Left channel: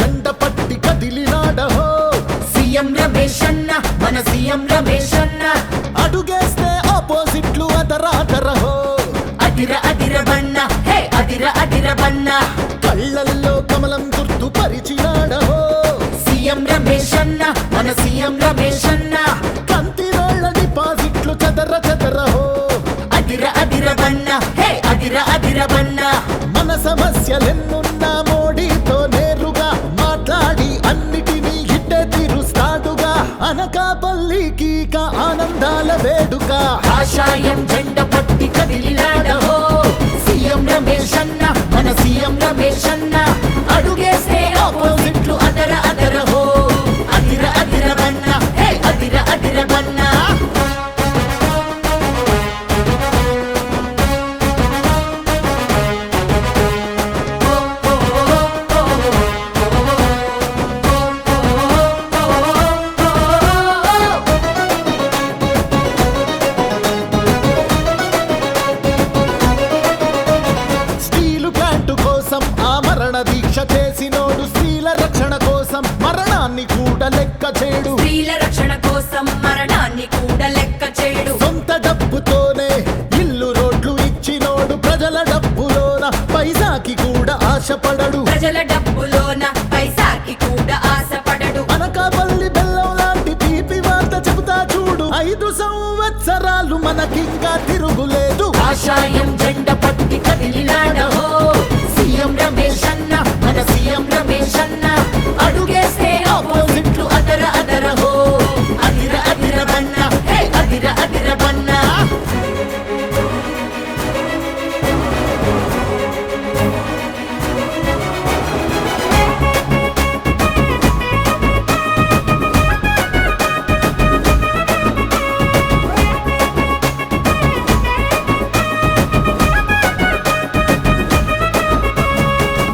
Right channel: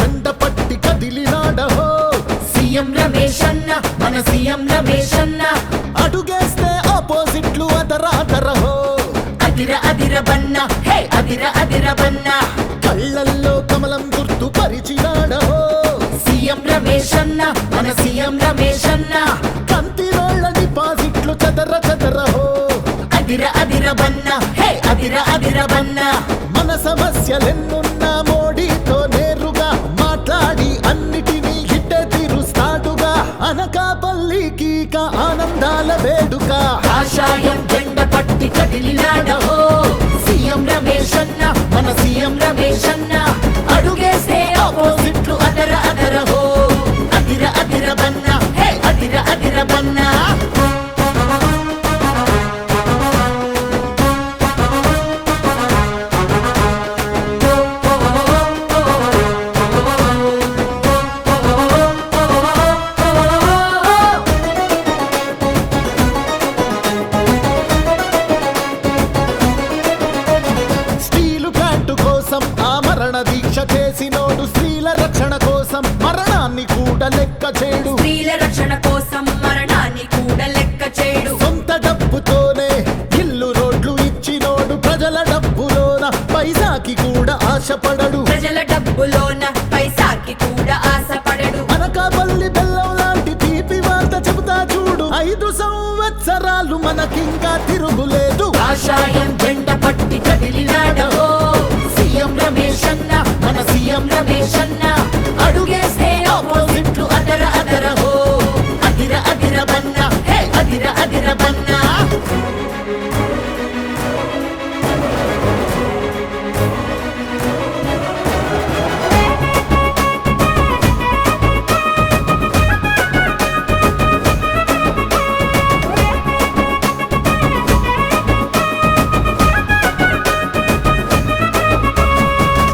జెండ పట్టి కదిలినాడహో సీఎం రమేష్ అన్న మన సీఎం రమేష్ అన్న అడుగేస్తే ఆపోజిట్లు అదరాదరహో అదిర అదిర బన్న హే అదిర అదిర బన్న కళ్ళల్లో కమలం గుర్తు పరిచినాడహో సీఎం రమేష్ అన్న మన సీఎం రమేష్ అన్న కంతిరోళ్ళ డిపాజిట్లు చదర చదరహో అదిర అదిర బన్న హే అదిర అదిర బన్న మన సమస్యలెన్నున్నా మోడీతో నేరుగా మాట్లాడి అన్నిటినీ హిట్టే తీరుస్తాడుగా అనకాపల్లికి ఆనందాల వేడుక కాషాయం జెండ పట్టి కదిలినాడహో సీఎం రమేష్ అన్న మన సీఎం రమేష్ అన్న అడుగేస్తే ఆపోజిట్లు అదర అదరహో అదిర అదిర బన్న హే అదిర అదిర బన్న స్టీలు ప్లాంటు కోసం ఆమరణ దీక్ష చేసినోడు స్త్రీల రక్షణ కోసం మరణాన్ని కూడా లెక్క చేడు స్త్రీల రక్షణ కోసం మరణాన్ని కూడా లెక్క చేయడు. సొంత డబ్బుతోనే ఇల్లు రోడ్లు ఇచ్చినోడు ప్రజల డబ్బులోన పైసాకి కూడా ఆశపడడు ప్రజల డబ్బులోన పైసాకి కూడా ఆశపడడు. అనకాపల్లి బెల్లం లాంటి తీపి వార్త చెబుతా చూడు 5 సంవత్సరాలు మనకింకా తిరుగులేదు కాషాయం జెండ పట్టి కదిలినాడహో సీఎం రమేష్ అన్న మన సీఎం రమేష్ అన్న అడుగేస్తే ఆపోజిట్లు అదర అదరహో అదిర అదిర బన్న హే అదిర అదిర బన్న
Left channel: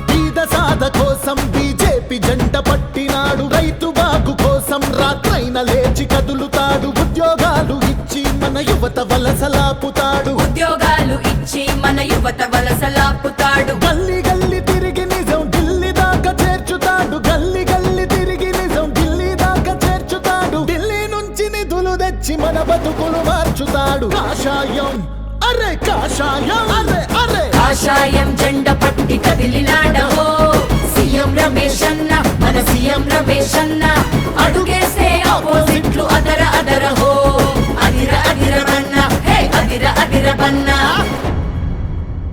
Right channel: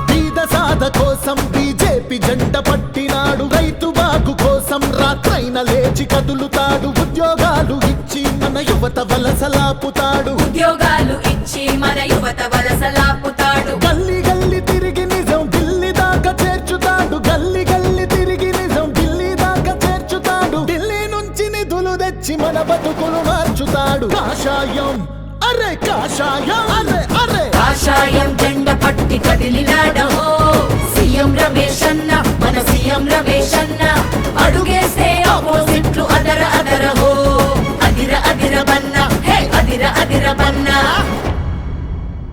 బీద సాధ కోసం బీజేపీ జెండ పట్టినాడు రైతు బాగు కోసం రాత్రైన లేచి కదులుతాడు ఉద్యోగాలు ఇచ్చి మన యువత వలసలాపుతాడు ఉద్యోగాలు ఇచ్చి మన యువత వలసలాపుతాడు. గల్లీ గల్లీ తిరిగి నిజం ఢిల్లీ దాకా చేర్చుతాడు గల్లీ గల్లీ తిరిగి నిజం ఢిల్లీ దాకా చేర్చుతాడు ఢిల్లీ నుంచి నిధులు తెచ్చి మన బతుకులు మార్చుతాడు కాషాయం అరే కాషాయం అరే అరే కాషాయం జెండ పట్టి కదిలినాడహో సీఎం రమేష్ అన్న మన సీఎం రమేష్ అన్న అడుగేస్తే ఆపోజిట్